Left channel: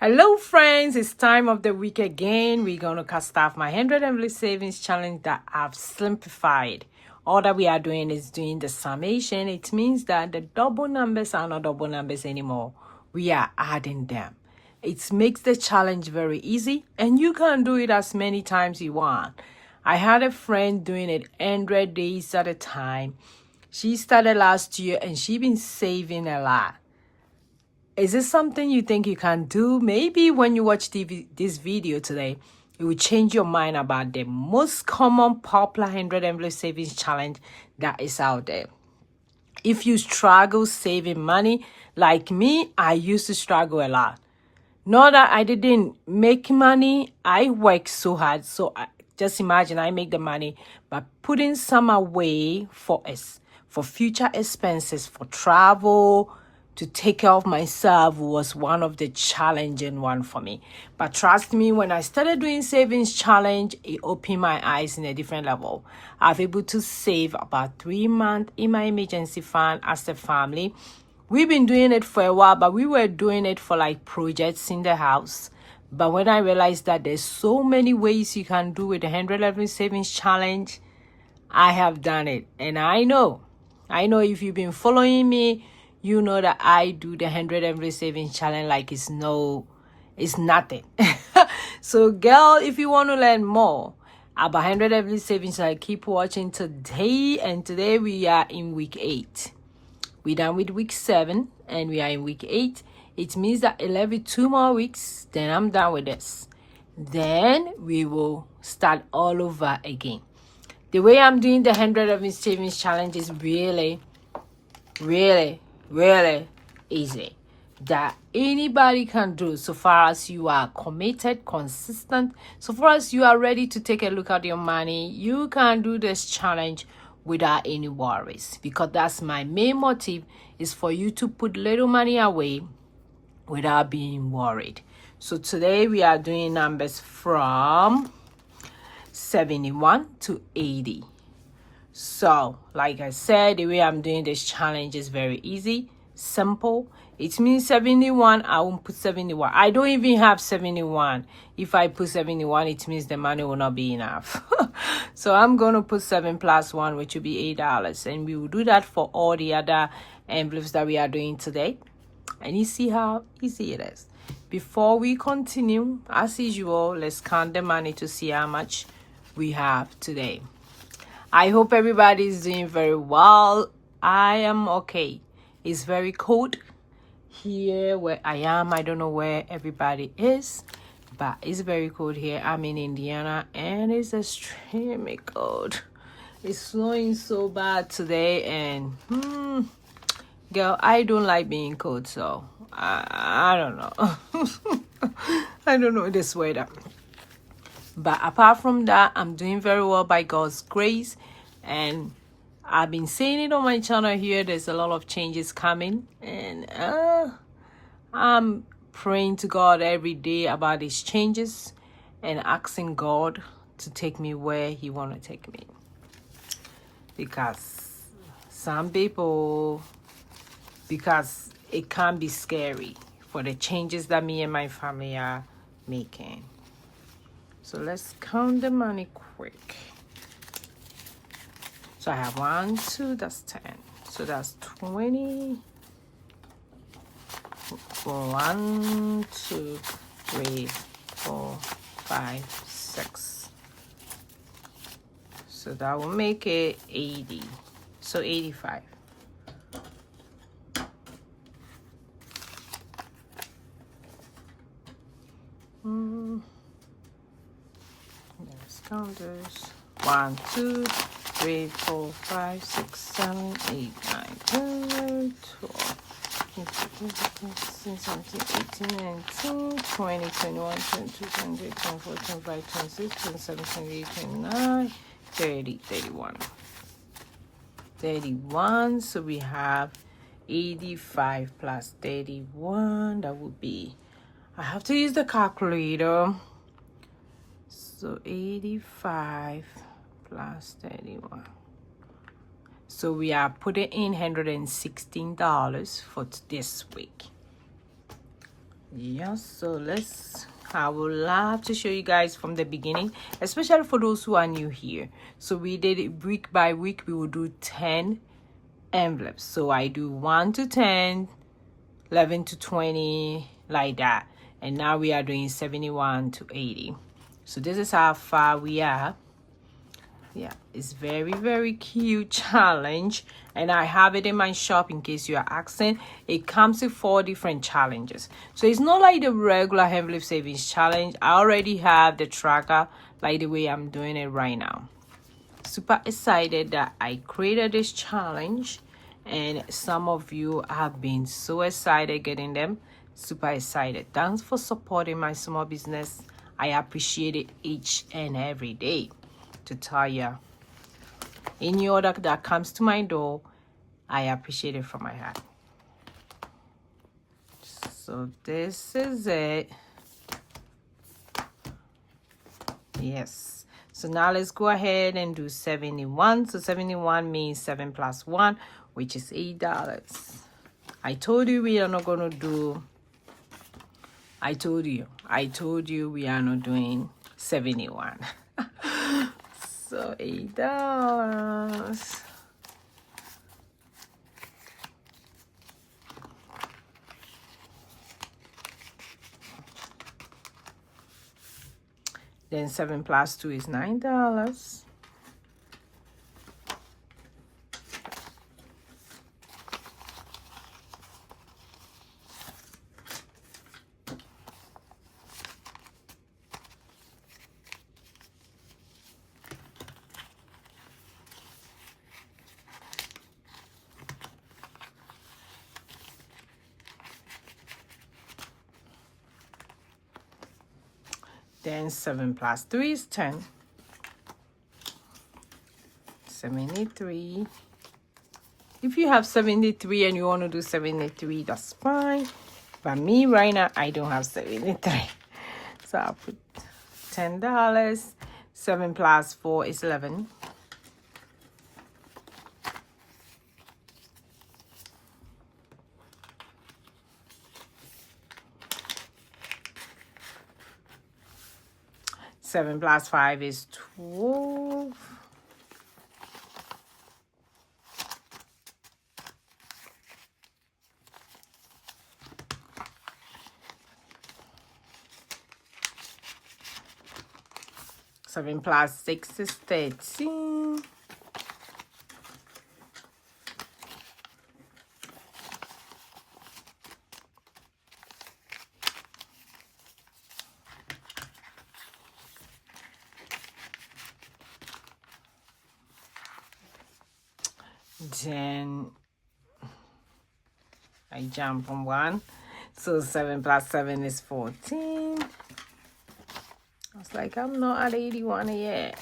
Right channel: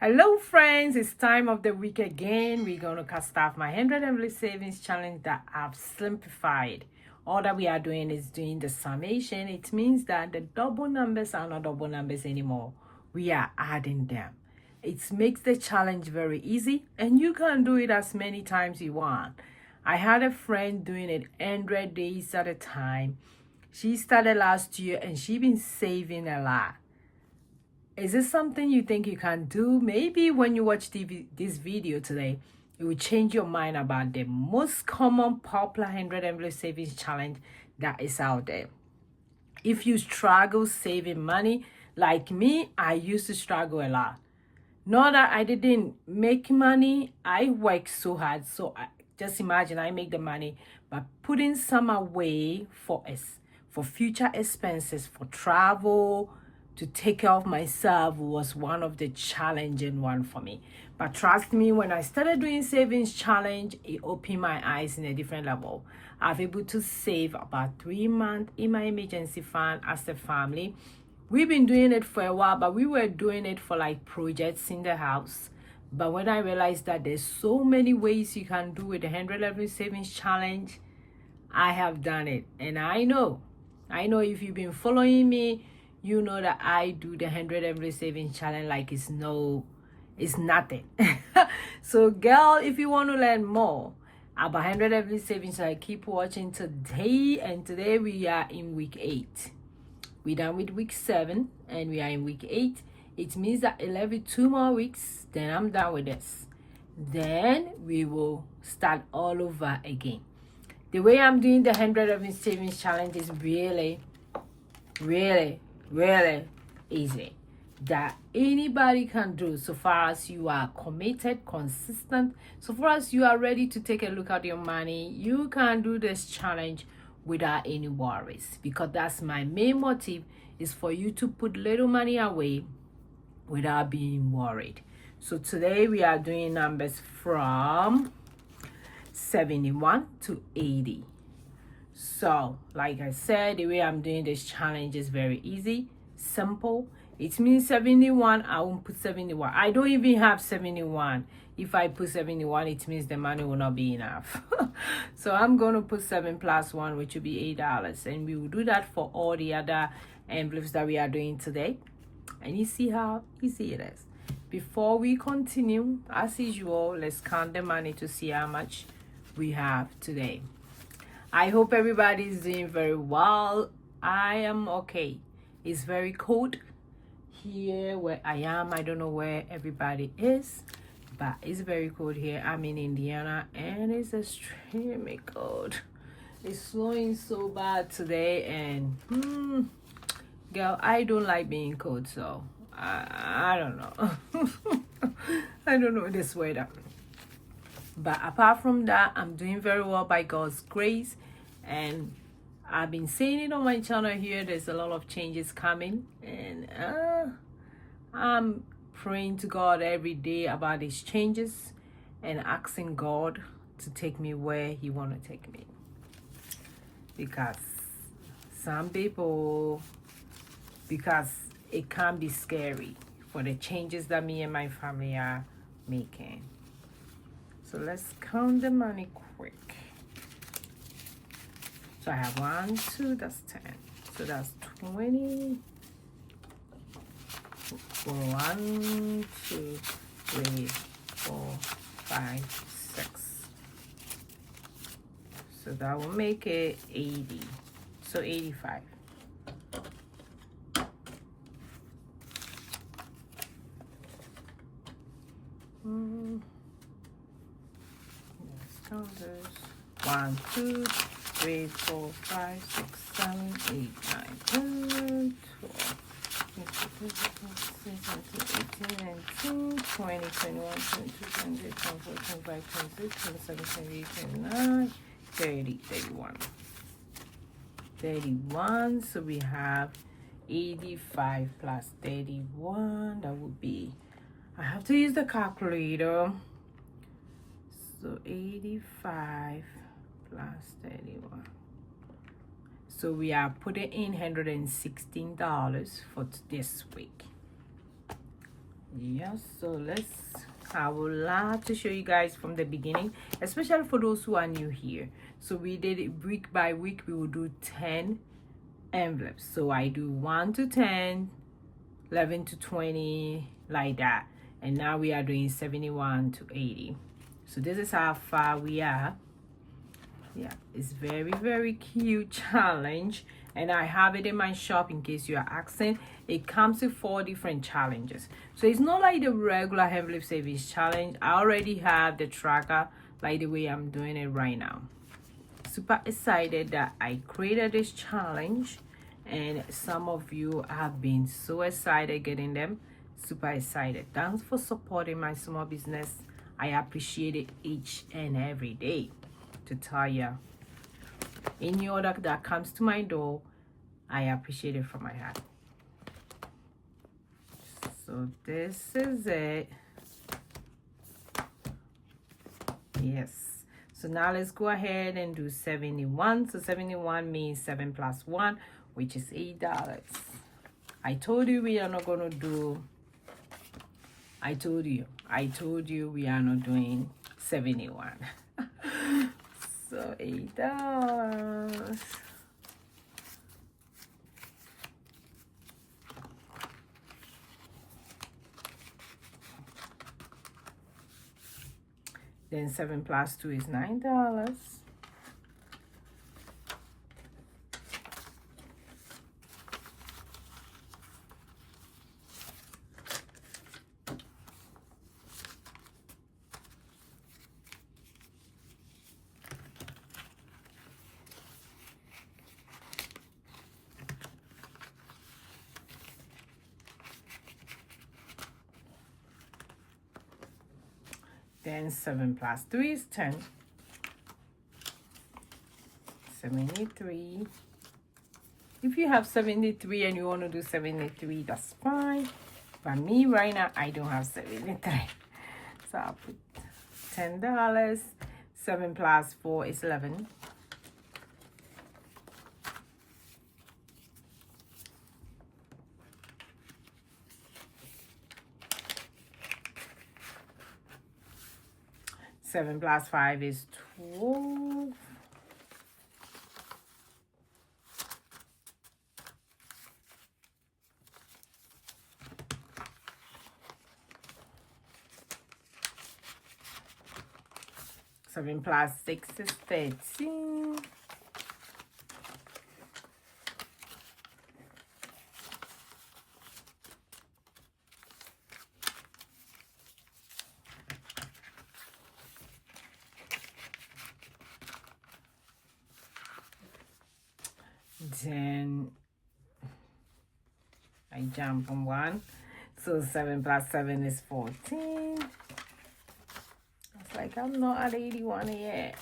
Hello friends, it's time of the week again. We're going to cast off my 100 envelope savings challenge that I've simplified. All that we are doing is doing the summation. It means that the double numbers are not double numbers anymore. We are adding them. It makes the challenge very easy and you can do it as many times you want. I had a friend doing it 100 days at a time. She started last year and she's been saving a lot. Is this something you think you can do? Maybe when you watch this video today, it will change your mind about the most common popular 100 envelope savings challenge that is out there. If you struggle saving money, like me, I used to struggle a lot. Not that I didn't make money, I work so hard. So just imagine I make the money by putting some away for future expenses, for travel, to take care of myself was one of the challenging one for me. But trust me, when I started doing savings challenge, it opened my eyes in a different level. I've able to save about 3 months in my emergency fund as a family. We've been doing it for a while, but we were doing it for like projects in the house. But when I realized that there's so many ways you can do it, the 100 level savings challenge, I have done it. And I know if you've been following me, you know that I do the 100 every savings challenge like it's nothing. So girl, if you want to learn more about 100 every savings, I keep watching today. And today we are in week 8. We're done with week 7 and we are in week 8. It means that 2 more weeks, then I'm done with this. Then we will start all over again. The way I'm doing the 100 of savings challenge is really easy, that anybody can do, so far as you are committed, consistent, so far as you are ready to take a look at your money. You can do this challenge without any worries, because that's my main motive, is for you to put little money away without being worried. So today we are doing numbers from 71 to 80. So, like I said, the way I'm doing this challenge is very easy, simple. It means 71, I won't put 71. I don't even have 71. If I put 71, it means the money will not be enough. So I'm going to put 7 plus 1, which will be $8. And we will do that for all the other envelopes that we are doing today. And you see how easy it is. Before we continue, as usual, let's count the money to see how much we have today. I hope everybody is doing very well. I am okay. It's very cold here where I am. I don't know where everybody is, but it's very cold here. I'm in Indiana and it's extremely cold. It's snowing so bad today, and girl, I don't like being cold, so I don't know. I don't know this weather. But apart from that, I'm doing very well by God's grace. And I've been saying it on my channel here. There's a lot of changes coming. And I'm praying to God every day about these changes and asking God to take me where He want to take me. Because it can be scary for the changes that me and my family are making. So let's count the money quick. So I have 1, 2, that's 10. So that's 20. 1, 2, 3, 4, 5, 6. So that will make it 80. So 85. Let's count those. 1, 2, 3, 4, 5, 6, 7, 8, 9, 10, 12, 15, 16, 17, 18, 19, 20, 21, 22, 23, 24, 25, 26, 27, 28, 29, 30, 31. 31. So we have 85 plus 31. That would be, I have to use the calculator. So 85 plus 31. So we are putting in $116 for this week. Yeah, so I would love to show you guys from the beginning, especially for those who are new here. So we did it week by week. We will do 10 envelopes. So I do 1 to 10, 11 to 20, like that. And now we are doing 71 to 80. So this is how far we are. Yeah, it's very cute challenge, and I have it in my shop in case you are asking. It comes with 4 different challenges, so it's not like the regular envelope savings challenge. I already have the tracker like the way I'm doing it right now. Super excited that I created this challenge, and some of you have been so excited getting them. Super excited. Thanks for supporting my small business. I appreciate it each and every day. To tell you, any order that comes to my door, I appreciate it from my heart. So this is it. Yes. So now let's go ahead and do 71. So 71 means 7 plus 1, which is $8. I told you we are not going to do, I told you we are not doing 71. So $8. Then 7 plus 2 is $9. Then 7 plus 3 is 10. 73. If you have 73 and you want to do 73, that's fine. But me right now, I don't have 73. So I'll put $10. 7 plus 4 is 11. Seven plus 5 is 12. Seven plus 6 is 13. Then I jump from 1. So 7 plus 7 is 14. I was like, I'm not at 81 yet.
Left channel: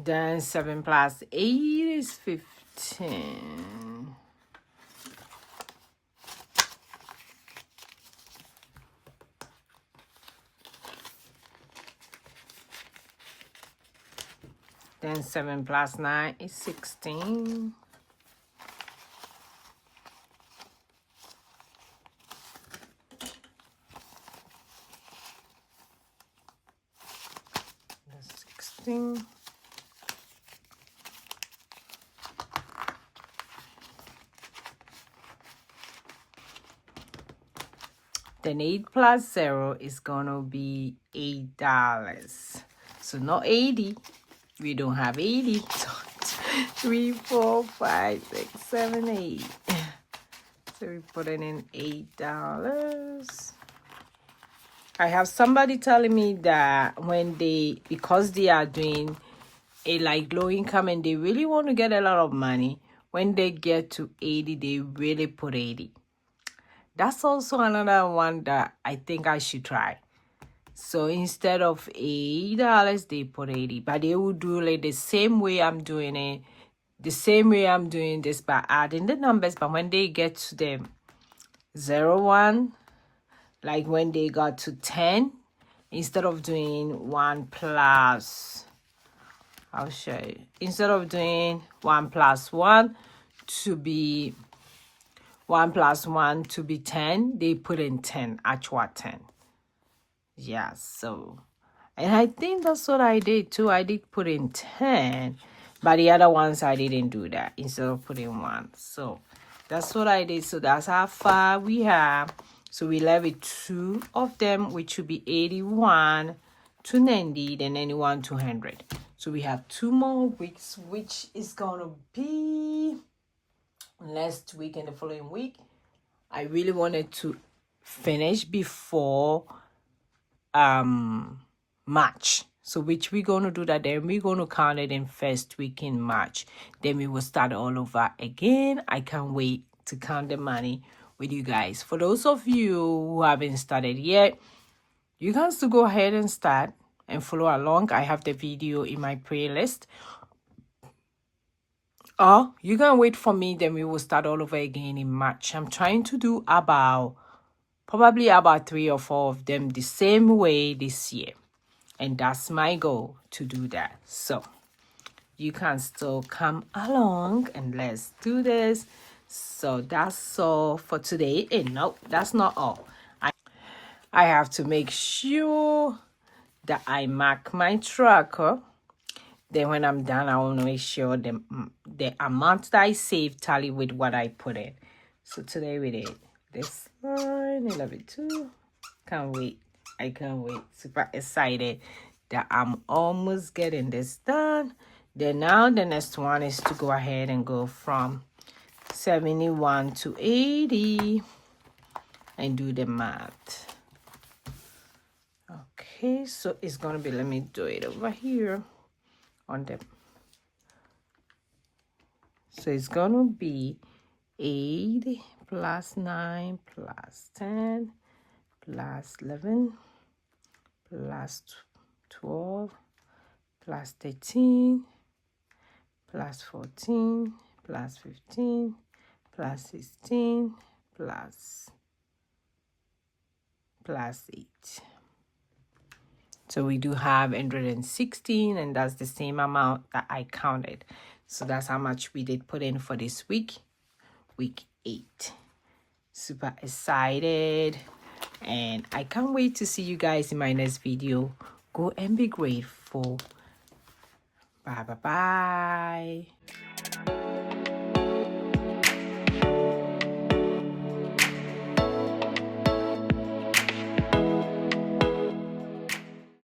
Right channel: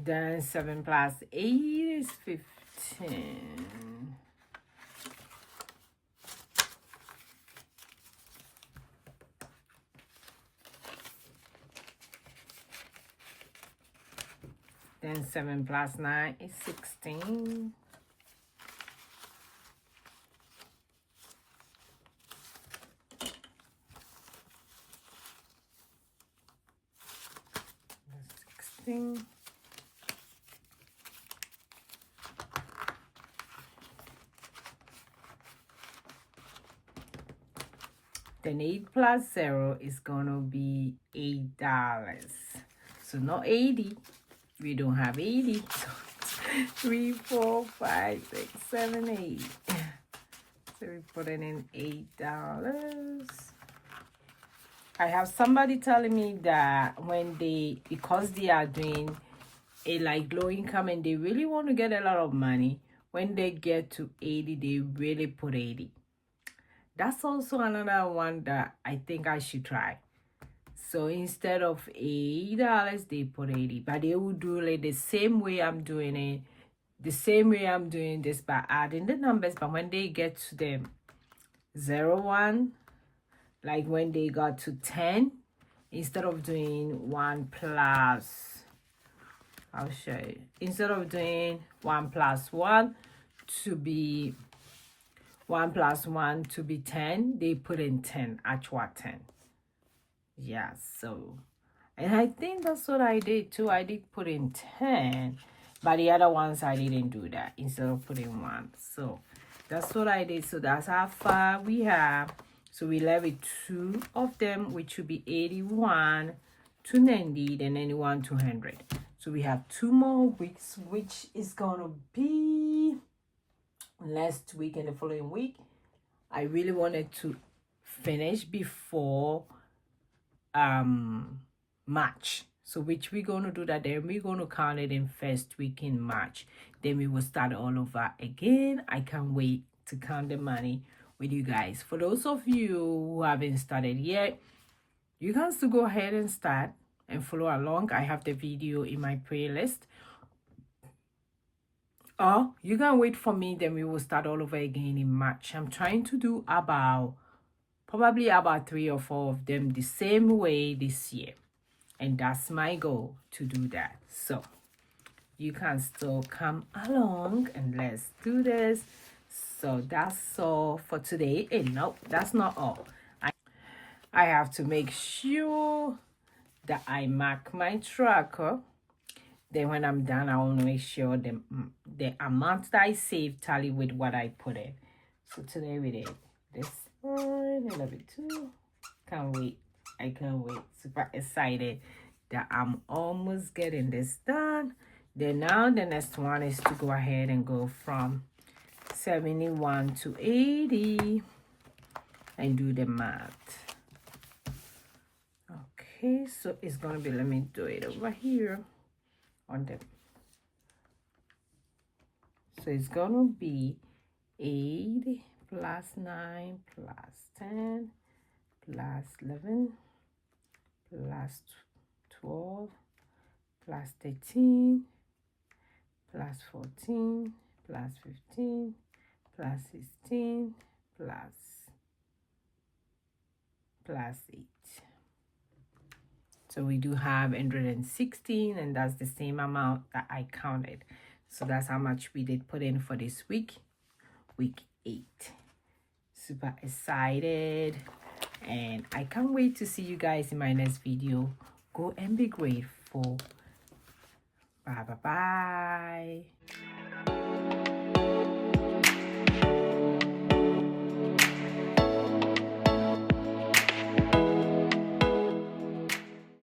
Then 7 plus 8 is 15. Then 7 plus 9 is 16. That's 16. Then 8 plus 0 is gonna be $8. So not 80. We don't have 80. So 3, 4, 5, 6, 7, 8. So we put it in $8. I have somebody telling me that because they are doing a like low income and they really want to get a lot of money, when they get to 80, they really put 80. That's also another one that I think I should try. So instead of $8, they put 80. But they will do like the same way I'm doing it. the same way I'm doing this by adding the numbers, but when they get to the 0, 1, like when they got to 10, instead of doing 1 plus, I'll show you, instead of doing 1 plus 1 to be 1 plus 1 to be 10, they put in 10, actual 10. Yeah, so, and I think that's what I did too. I did put in 10, but the other ones I didn't do that instead of putting 1. So that's what I did. So that's how far we have. So we left with 2 of them, which would be 81 to 90, then 91 to 100. So we have 2 more weeks, which is gonna be next week and the following week. I really wanted to finish before March. So which we're going to do that, then we're going to count it in first week in March. Then we will start all over again. I can't wait to count the money with you guys. For those of you who haven't started yet, you can still go ahead and start and follow along. I have the video in my playlist. Or you can wait for me, then we will start all over again in March. I'm trying to do probably about 3 or 4 of them the same way this year. And that's my goal, to do that. So you can still come along and let's do this. So that's all for today. And no, that's not all. I have to make sure that I mark my tracker. Then when I'm done, I want to make sure the amount that I save tally with what I put in. So today we did this line. I love it too. Can't wait. I can't wait. Super excited that I'm almost getting this done. Then now the next one is to go ahead and go from 71 to 80 and do the math. Okay, so it's gonna be, let me do it over here on the, so it's gonna be 8 plus 9 plus 10 plus 11 plus 12 plus 13 plus 14 plus 15 plus 16 plus 8. So we do have 116, and that's the same amount that I counted. So that's how much we did put in for this week 8. Super excited, and I can't wait to see you guys in my next video. Go and be grateful. Bye bye bye.